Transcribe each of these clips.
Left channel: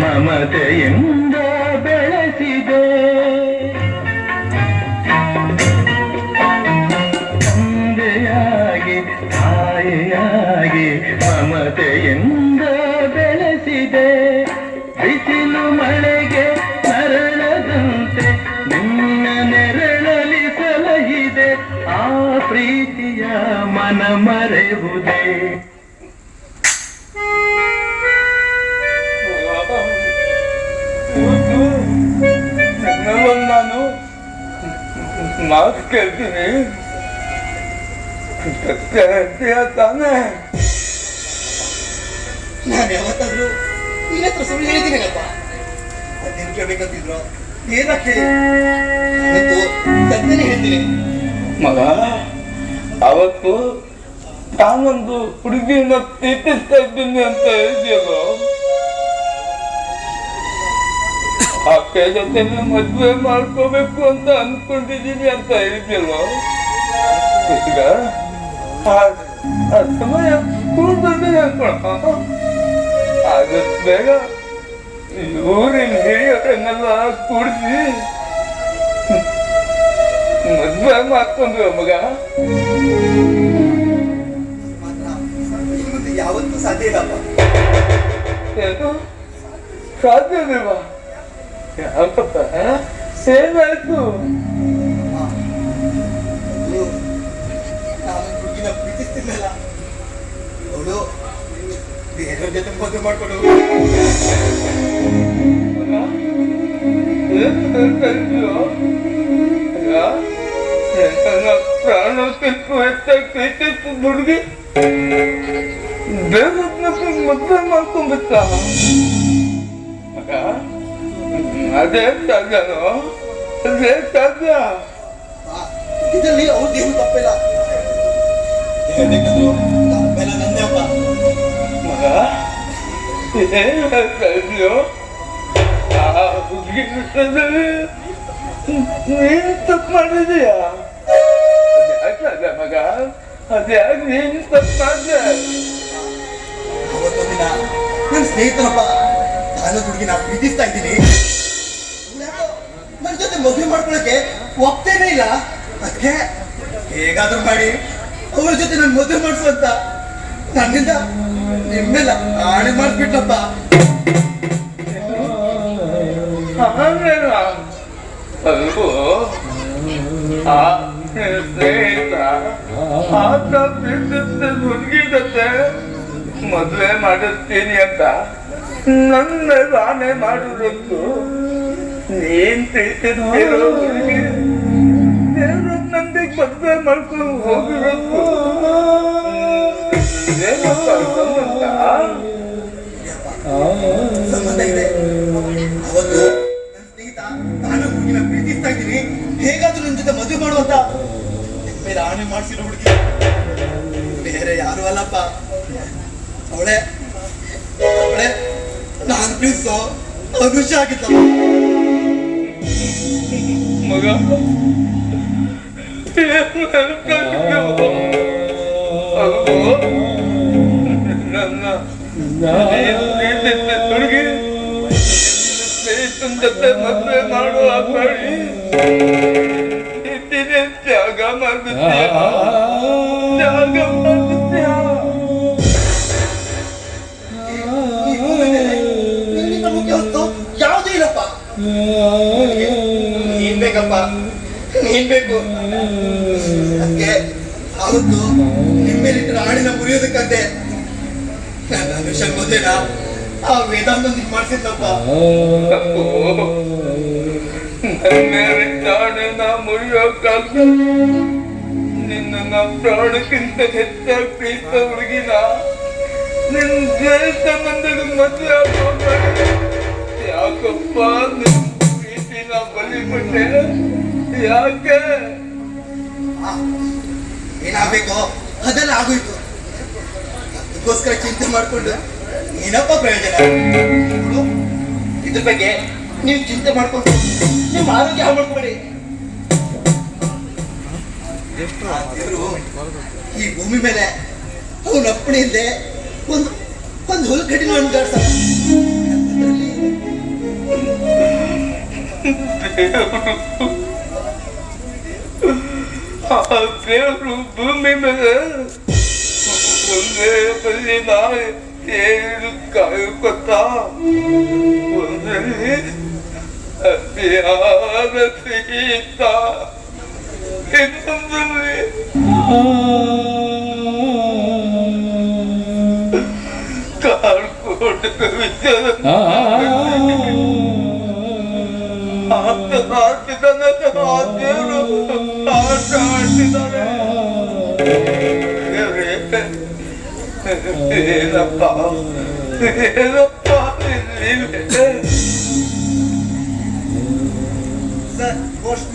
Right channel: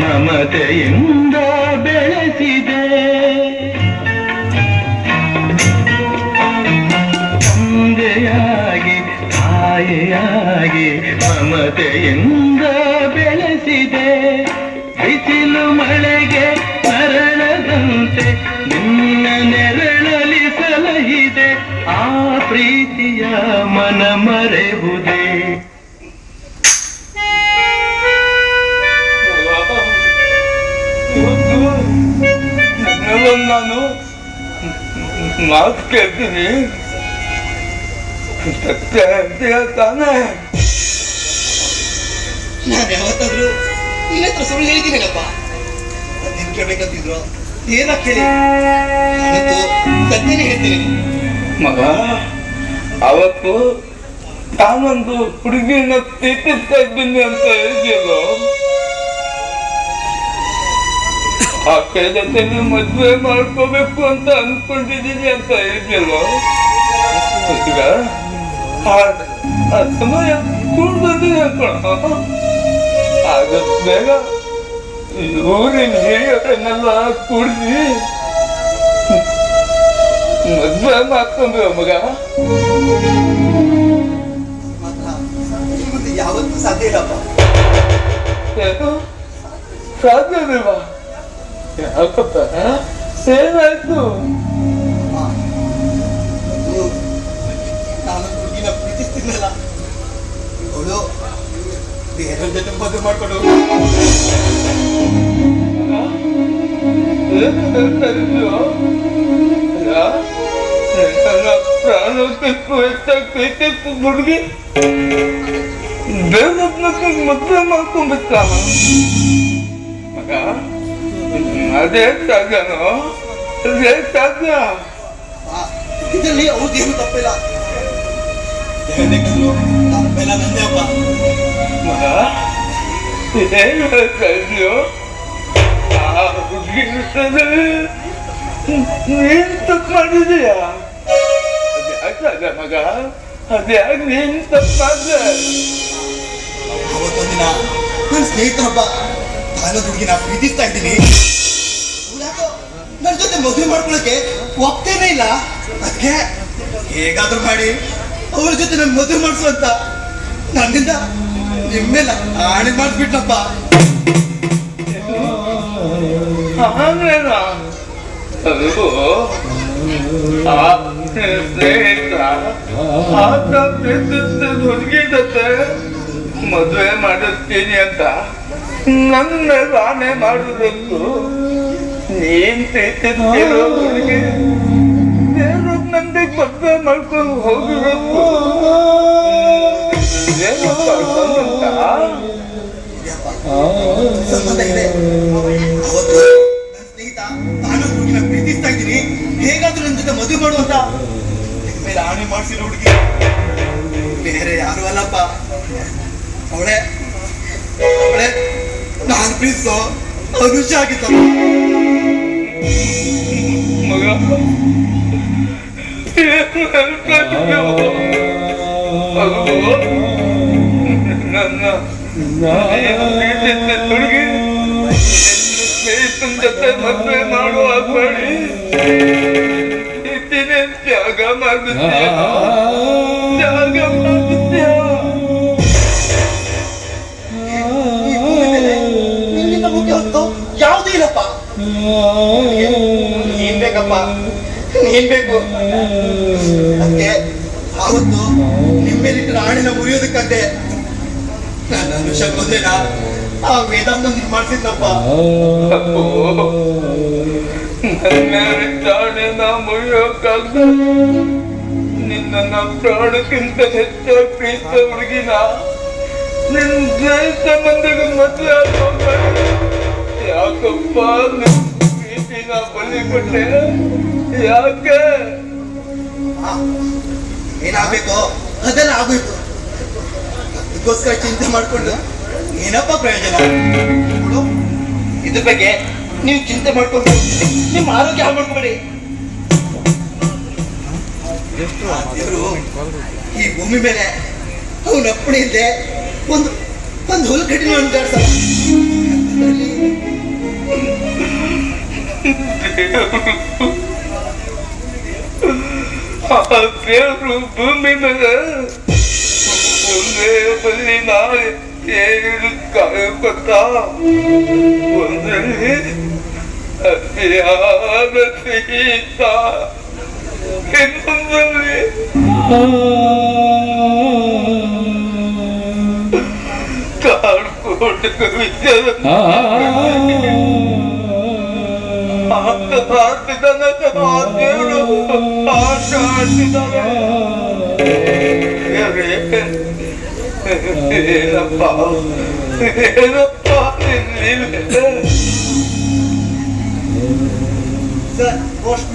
ಮಮತೆಯಿಂದ ಬೆಳೆಸಿದೆ. ತಂದೆಯಾಗಿ ತಾಯಿಯಾಗಿ ಮಮತೆಯಿಂದ ಬೆಳೆಸಿದೆ. ಬಿಸಿಲು ಮಳೆಗೆ ಮರಳದಂತೆ ನಿನ್ನ ನೆರಳಲಿ ಸಲಹಿದೆ. ಆ ಪ್ರೀತಿಯ ಮನ ಮರೆಯುವುದೇ. ನಾನು ಮಾತು ಕೇಳ್ತೀನಿ, ತಾನೇ? ನಾನು ಯಾವತ್ತಾದ್ರೂ ನಿನ್ನ ಹತ್ರ ಸುಳ್ಳು ಹೇಳಿದ್ದೀನಲ್ಲಪ್ಪ. ನೀನ್ ಕೇಳ್ಬೇಕಂತಿದ್ರು ಏನ ಕೇಳಿ ಸತ್ಯನೇ ಹೇಳ್ತೀನಿ ಮಗ. ಅವತ್ತು ತಾನೊಂದು ಹುಡುಗಿನ ಪ್ರೀತಿಸ್ತಾ ಇದ್ದೀನಿ ಅಂತ ಹೇಳಿದ್ಯಲ್ಲ, ಆಕೆ ಜೊತೆ ಮದ್ವೆ ಮಾಡ್ಕೋಬೇಕು ಅಂತ ಅನ್ಕೊಂಡಿದೀನಿ ಅಂತ ಹೇಳಿದ್ಯಲ್ಲ. ಈಗ ಆ ಸಮಯ ಕೂಡ ಬಂದಿದೆ ಅನ್ಕೋಣ. ಆಗಸ್ಟ್ ಬೇಗ ಊರಿನ ಹಿರಿಯರನ್ನೆಲ್ಲ ಕೂಡಿಸಿ ಮದ್ವೆ ಮಾಡ್ಕೊಂಡ್ರು ಮಗ. ಯಾವತ್ತೂ ಸಾಧ್ಯ ಇಲ್ಲಪ್ಪ. ಏನು ಸಾಧ್ಯವಿಲ್ವಾ? ಯಾಕಪ್ಪ, ಏನಾಯ್ತು? ನಾನು ಹುಡುಗಿನ ಪ್ರೀತಿಸ್ತೀನಲ್ಲ, ಅವಳು ಬೇರೆ ಜೊತೆ ಮದುವೆ ಮಾಡ್ಕೊಂಡು ಪ್ರಾಣಕ್ಕಿಂತ ಹೆಚ್ಚಾಗಿ ಪ್ರೀತಿಸ್ತು ಹುಡುಗಿ ಬೇರೆ ಮದುವೆ ಮಾಡ್ಕೊಂಡ್ಬಿಟ್ಟ ಮಗ. ಅದೇ ಸಾಗನೋ, ಅದೇ ಸಾಗ. ಇದರಲ್ಲಿ ಅವ್ರದ್ದೇನು ತಪ್ಪಿಲ್ಲ. ತಪ್ಪೆಲ್ಲ ನಂದೇ ಅಪ್ಪ. ಮಗ ಏನ್ ಹೇಳ್ತಾ ಇದೆಯೋ? ಆ ಹುಡುಗಿ ನೀನ್ ತಪ್ಪು ಮಾಡಿದೀಯ? ಅದ್ಯಾಕ ಮಗ, ಅದ್ಯಾಕೆ ನೀನ್ ತಪ್ಪು ಮಾಡಿದೆ? ಅವತ್ತೊಂದಿನ ನನ್ನ ಸ್ನೇಹಿತರಪ್ಪ ನಾನು ಹುಡುಗಿನ ಪ್ರೀತಿಸ್ತಾ ಇದ್ದೀನಿ, ನನ್ನ ಜೊತೆ ಮದುವೆ ಮಾಡ್ಕೊಳಕ್ಕೆ ಒಪ್ತೇನೇ ಇಲ್ಲ. ಅದಕ್ಕೆ ಹೇಗಾದ್ರೂ ಮಾಡಿ ಅವ್ರ ಜೊತೆ ನನ್ನ ಮದುವೆ ಮಾಡಿಸು ಅಂತ ನನ್ನಿಂದ ನಿಮ್ಮೆಲ್ಲ ಆಣೆ ಮಾಡಿಸ್ಬಿಟ್ಲಪ್ಪ. ಹಂಗೇನ? ಅದು ಸ್ನೇಹಿತ ಆತ ಪ್ರೀತಿಸಿದ ಹುಡುಗಿ ಜೊತೆ ಮದುವೆ ಮಾಡಿಸ್ತೀನಿ ಅಂತ ನನ್ನ ಆಣೆ ಮಾಡುವುದಕ್ಕೂ ನೀನ್ ಪ್ರೀತಿಸ್ತಿರೋ ಹುಡುಗಿ ನಂದಿಗೆ ಮದುವೆ ಮಾಡ್ಕೊಂಡು ಹೋಗಿರೋದು ಅವತ್ತು ನನ್ನ ಸ್ನೇಹಿತ ನಾನು ಹುಡುಗಿನ ಪ್ರೀತಿಸ್ತಾ ಇದ್ದೀನಿ, ಹೇಗಾದ್ರೂ ನನ್ನ ಜೊತೆ ಮದುವೆ ಮಾಡುವಂತ ಮೇಲೆ ಆಣೆ ಮಾಡಿಸಿರೋ ಹುಡುಗಿ ಬೇರೆ ಯಾರು ಅಲ್ಲಪ್ಪ, ಅವಳೇ ಅವಳೇ ನಾನು ಪ್ರೀತಿಸೋ ಅನುಷ ಆಗಿತ್ತ ಮಗ. ಹುಡುಗಿ ಸ್ನೇಹಿತನ ಜೊತೆ ಮದುವೆ ಮಾಡುವ ಮಾಡಿ ತ್ಯಾಗ ಮಾಡ್ಬಿಡ್ತೀಯ, ತ್ಯಾಗ ಮಾಡ್ಬಿಡ್ತೀಯ. ಯಾವುದೂ ಇಲ್ಲಪ್ಪ. ನೀನ್ ಬೇಕಪ್ಪ, ನೀನ್ ಬೇಕು. ಅದಕ್ಕೆ ಅವತ್ತು ನಿಮ್ಮೇಲಿಟ್ಟು ಆಣಿನ ಮುರಿಯೋದಕ್ಕಂತೆ ನನ್ನ ಅನುಷ ಮದುವೆನ ಆ ವೇದಾಂತೊಂದಿಗೆ ಮಾಡ್ತಿದ್ನಪ್ಪ. ಪ್ರಾಣಿನ ಮುರಿಯೋಕ್ಕಾಗ ನಿನ್ನ ಪ್ರಾಣಕ್ಕಿಂತ ಹೆಚ್ಚಾಗಿ ಪ್ರೀತ ಹುಡುಗಿನ ನಿನ್ ಸ್ನೇಹಿತನೊಂದಿಗೆ ಮದುವೆ ಆಗೋದು ಯಾಕಪ್ಪ? ನಿನ್ ಪ್ರೀತಿನ ಬಲಿಕೊಟ್ಟೆ ಯಾಕೆ? ಏನಾಗಬೇಕೋ ಅದೆಲ್ಲ ಆಗೋಯ್ತು. ಇದಕ್ಕೋಸ್ಕರ ಚಿಂತೆ ಮಾಡ್ಕೊಂಡು ಏನಪ್ಪ ಪ್ರಯೋಜನ? ಇದ್ರ ಬಗ್ಗೆ ನೀವು ಚಿಂತೆ ಮಾಡ್ಕೊಂಡು ನಿಮ್ಮ ಆರೋಗ್ಯ ಹಾಳು ಮಾಡ್ಕೊಬೇಡಿ. ಈ ಭೂಮಿ ಮೇಲೆ ಅವನ ಅಪ್ಪಣೆ ಇದ್ದೆ ಒಂದು ಹುಲ್ಲು ಕಟ್ಟಿನ ಅನ್ಕಾಡ್ಸಲ್ಲ. ಆ ದೇವರು ಭೂಮಿ ಮೇಲೆ ಒಂದೇ ಬಲ್ಲಿ ನಾವು ಏನು ಕಾಯಕೊತ್ತ ಒಂದರಲ್ಲಿ ಅತಿಯಾದ ಸಿಹಿತ ಇನ್ನೊಂದರಲ್ಲಿ ಕಾಡ್ಕೋಟ ಕವಿತದ ಆಡ್ತಿದ್ದಾನೆ ಆ ದೇವರು ಆಟ ಆಡ್ತಿದ್ದಾನೆ. ಏನಪ್ಪ ಏನಪ್ಪ ಇಲ್ಲಿ ಸರ್ ಪೋಸ್ಟ್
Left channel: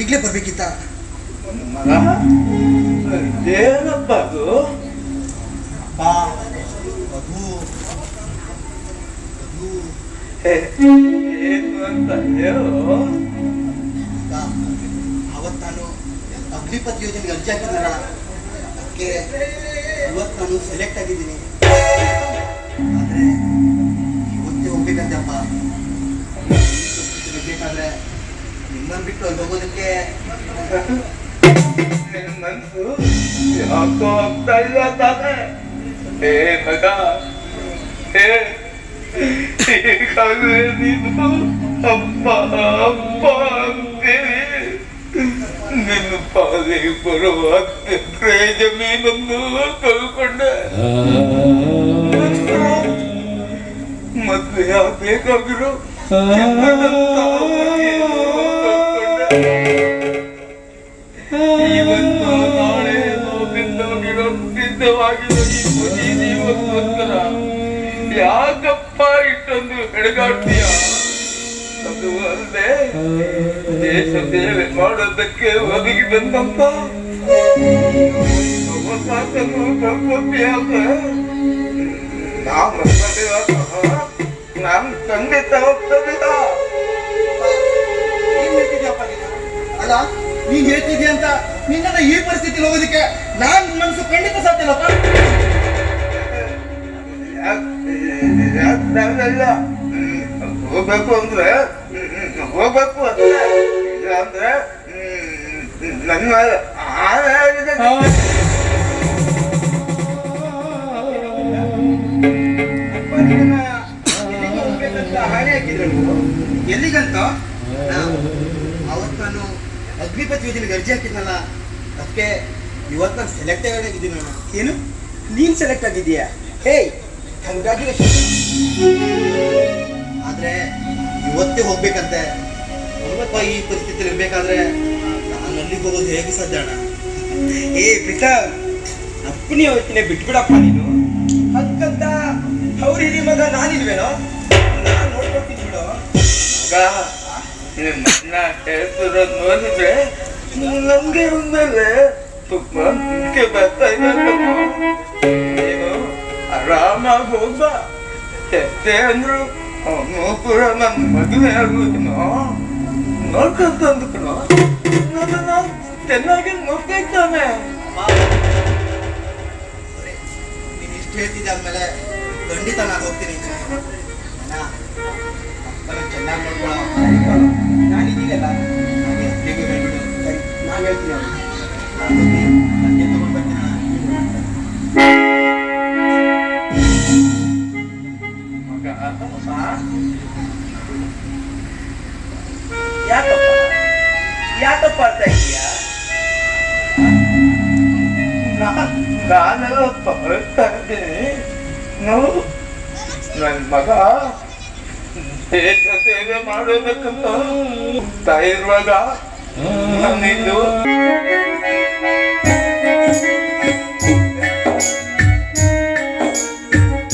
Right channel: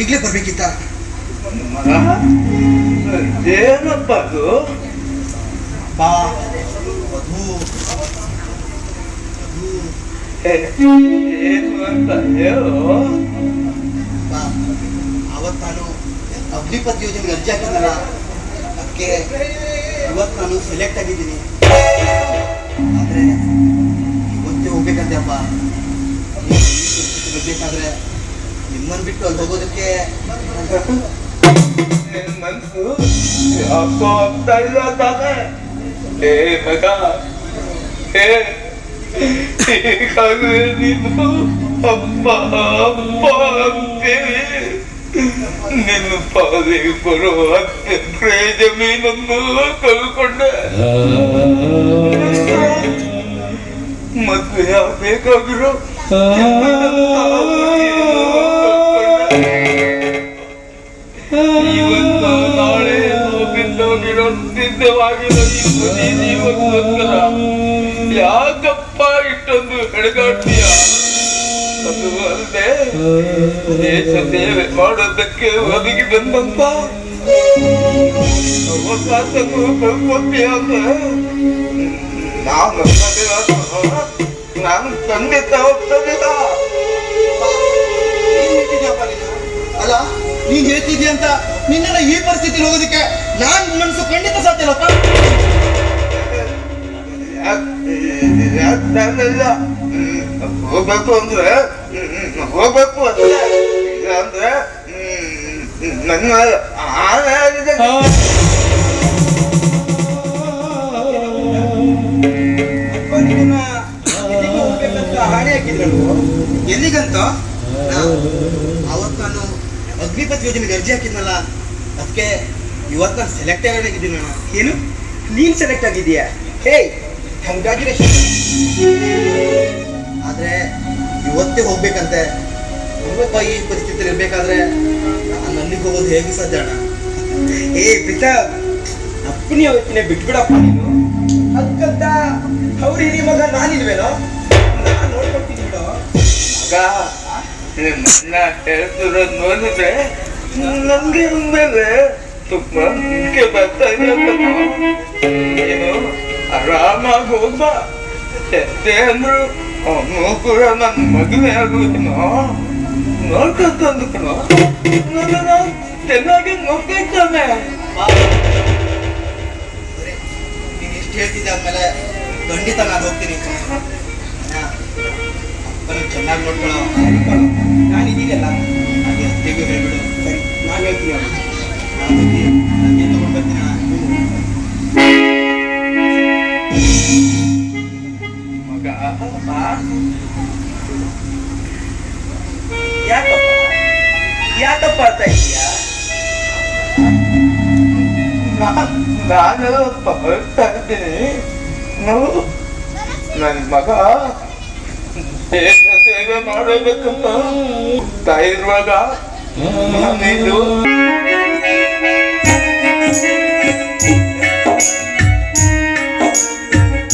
ಈಗಲೇ ಬರ್ಬೇಕಿತ್ತ? ಏನಪ್ಪ ಅದು? ಬಾ ಅದು ಏನು ಅಂತ ಹೇಳು. ಬಾ, ಅವತ್ತು ನಾನು ಅಗ್ನಿಪಥ್ ಯೋಜನೆಗೆ ಅರ್ಜಿ ಹಾಕಿದ್ನಲ್ಲ, ಅದಕ್ಕೆ ಇವತ್ತು ನಾನು ಸೆಲೆಕ್ಟ್ ಆಗಿದ್ದೀನಿ. ಆದರೆ ಇವತ್ತೇ ಹೋಗ್ಬೇಕಂತೆಪ್ಪ. ಬೇಕಾದ್ರೆ ನಿಮ್ಮನ್ನು ಬಿಟ್ಟು ಅಲ್ಲಿ ಹೋಗೋದಕ್ಕೆ ನಿನ್ ಮನ್ಸು ಯಾಕೋ ಆಗ್ತಾ ಇಲ್ಲ ತಾನೆ? ಏ ಮಗ, ಈಗಾಗಲೇ ನೀನು ಅಪ್ಪ ಅಪ್ಪ ಅಂತೀವಿ. ನಿನ್ನ ಪಾಲಿಗೆ ಬರುವ ಎಕರೆ ಜಮೀನನ್ನು ಕಳ್ಕೊಂಡೆ. ಮದುವೆ ಆಗ್ಬೇಕಾಗಿರೋ ಇವತ್ತು ನಾಳೆ ಬಿದ್ದೋಗಿರೋ ಸಿದ್ಧವಾಗಿರೋ ಜೀವನಕ್ಕೋಸ್ಕರ ಯಾಕಪ್ಪ ಇಷ್ಟೊಂದು ಹೆಣಗಾಡ್ತೀಯ? ಅದು ಅಲ್ಲದೆ ದೇಶ ಸೇವೆ ಮಾಡೋದಕ್ಕೆ ಒದಗಿ ಬಂದಂತ ಅವಕಾಶನು ಕಳ್ಕೊತೀಯ ಅಂದ್ರೆ ನಾನು ಖಂಡಿತ ಹೋಗ್ತದಿಲ್ಲ. ಅಲ್ಲ, ನೀನ್ ಹೇಳ್ತಿದ್ಯಾ ಅಂತ ನಿನ್ನ ಈ ಪರಿಸ್ಥಿತಿ ಹೋಗೋದಕ್ಕೆ ನಾನ್ ಮನಸ್ಸು ಖಂಡಿತ ಸಾಧ್ಯಲ್ಲಪ್ಪ. ಹೋಗ್ಬೇಕು ಅಂದ್ರೆ ಹೋಗ್ಬೇಕು ಅಂದ್ರೆ ನನ್ನ ಹಾಡಿ ಹಾಕಿದ್ರು ಎಲ್ಲಿಗಂತ? ಅವತ್ತು ನಾನು ಅಗ್ನಿಪಥ್ ಯೋಜನೆಗೆ ಅರ್ಜಿ ಹಾಕಿದ್ನಲ್ಲ, ಅದಕ್ಕೆ ಇವತ್ತು ನಾನು ಸೆಲೆಕ್ಟ್ ಆಗಿದ್ದೀನಿ. ನಾನು ಏನು ನೀನ್ ಸೆಲೆಕ್ಟ್ ಆಗಿದೀಯಾ? ಹೇ ಕಂಗ್ರಾಚುಲೇಷನ್. ಆದ್ರೆ ಇವತ್ತೇ ಹೋಗ್ಬೇಕಂತೆ. ನೋಡಪ್ಪ, ಈ ಪರಿಸ್ಥಿತಿಯಲ್ಲಿ ಇರ್ಬೇಕಾದ್ರೆ ನಾನು ಅಲ್ಲಿಗೆ ಹೋಗೋದು ಹೇಗೆ ಸಾಧ್ಯ ಅಣ್ಣ? ಏ ಪ್ರೀತಮ್, ಅಪ್ಪನಿ ಅವತ್ತಿನ ಬಿಟ್ಬಿಡಪ್ಪ ನೀನು. ಅದಕ್ಕಂತ ಅವ್ರ ಹಿರಿ ಮಗ ನಾನಿಲ್ವೇನೋ? ನಾನು ನೋಡ್ಕೊಳ್ತೀನಿ ಬಿಡೋ. ನನ್ನ ಹೇಳ್ತಿರೋದು ನೋಡಿದ್ರೆ ನಮ್ಗೆ ಮೇಲೆ ತುಂಬಾ ಮುಖ್ಯ ಬರ್ತಾ ಇರೋದು. ನೀನು ಆರಾಮಾಗಿ ಹೋಗ. ಎಷ್ಟೇ ಅಂದ್ರು ಅವನು ಕೂಡ ನನ್ನ ಮದುವೆ ಆಗುವುದನ್ನು ನೋಡ್ಕೊಂತಂದು ಕಣೋ. ನನ್ನ ಚೆನ್ನಾಗಿ ನೋಡ್ಕೊಳ್ತಾನೆ. ನೀನು ಎಷ್ಟು ಹೇಳ್ತಿದ್ದೆ ಅಂದ್ಮೇಲೆ ಖಂಡಿತ ನಾನು ಹೋಗ್ತೀನಿ. ಅಪ್ಪನ ಚೆನ್ನಾಗಿ ನೋಡ್ಕೊಳ್ಳೋ. ನಾನಿದ್ದೀನಲ್ಲ, ಹಾಗೆ ಅತ್ತೆಗೂ ಹೇಳ್ಬಿಡು. ಸರಿ ನಾನು ಹೇಳ್ತೀನಿ ಅವ್ರಿಗೆ. ಅಕ್ಕಿ ತಗೊಂಡು ಬರ್ತೀನಿ. ಮಗ ಯಾಕಪ್ಪ ಅಂತ ಇದೀಯಾ? ನಾನೆಲ್ಲಪ್ಪ ಹೇಳ್ತಾ ಇದ್ದೀನಿ. ನೋಡು, ನನ್ನ ಮಗ ದೇಶ ಸೇವೆ ಮಾಡಬೇಕಂತ ಇರುವಾಗ ನಾನಿದು